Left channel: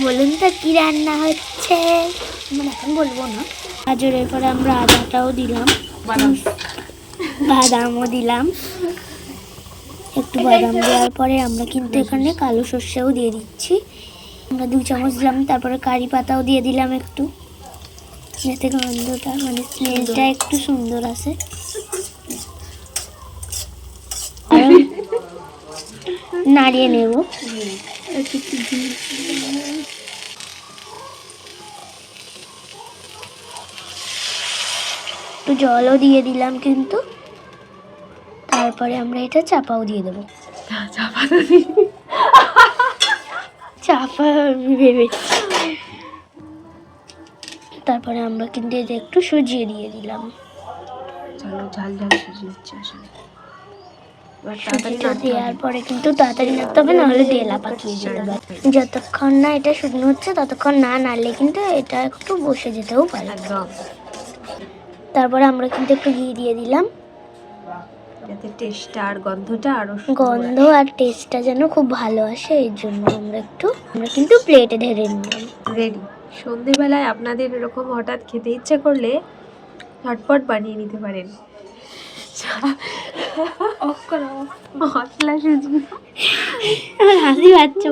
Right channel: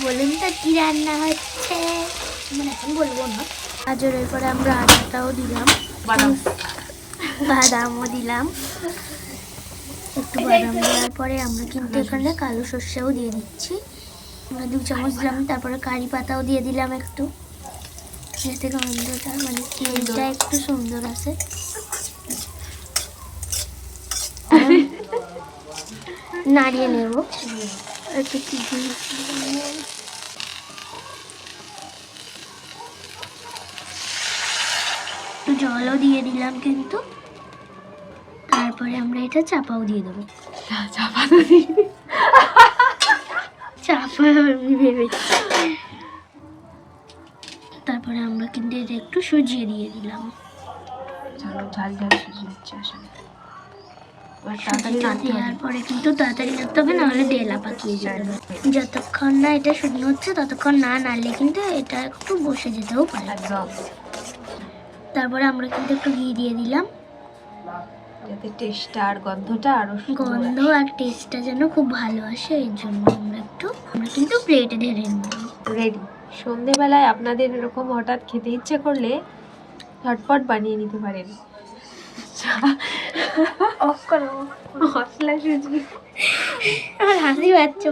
বলুন তো কি রান্না হচ্ছে, মানে এখন বলবো না। গাজরের পরে আমরা আদাটাও দিলাম, বাদামও দিলাম। একটু বাদাম দেওয়ার পরে আমরা কিন্তু এখানে কালো সর্ষেও দিয়ে দিচ্ছি। আমরা 2 চামচ দিলাম। তারপরে কারি পাতাও দিয়ে দিলাম একটু, যাতে গন্ধটা মানে স্মেলটা একটু সুন্দর আসে। নাড়িয়ে নেব। একটু জলও দিয়ে দিলাম কিন্তু। তারপরে আমরা এটা চাপাও দিয়ে দেবো। চাপা আমি ভেবেছি। তারপরে আমরা কিন্তু এটা একটু সুজিয়ে দিয়ে দিলাম। ঝাল ঝাল সুজি হচ্ছে আসলে। সুজিটা দেওয়ার পরে কিন্তু তাড়াতাড়ি নাড়তে হবে, নাহলে ডেলা পাকিয়ে যাবে। যতক্ষণ না এটা শুকনো হচ্ছে ততক্ষণ না নাড়লে কিন্তু এটা একটু বসে যেতেও পারে। তারপরে আমরা কিন্তু একটু ঘি দিয়ে দিলাম, যাতে টেস্টটা আর গন্ধটা আরো গন্ধ আর টেস্টটা যেন খুব ভালো আসে। এর জন্য আমরা কিন্তু প্লেটে ঢেলে নিলাম। রেডি। সন্ধেবেলায় আপনাদের এরকম হঠাৎ খেতে ইচ্ছে করলে ঝটপট বানিয়ে নিতে পারেন। মশলা সুজি। আমার হাসি পাচ্ছে।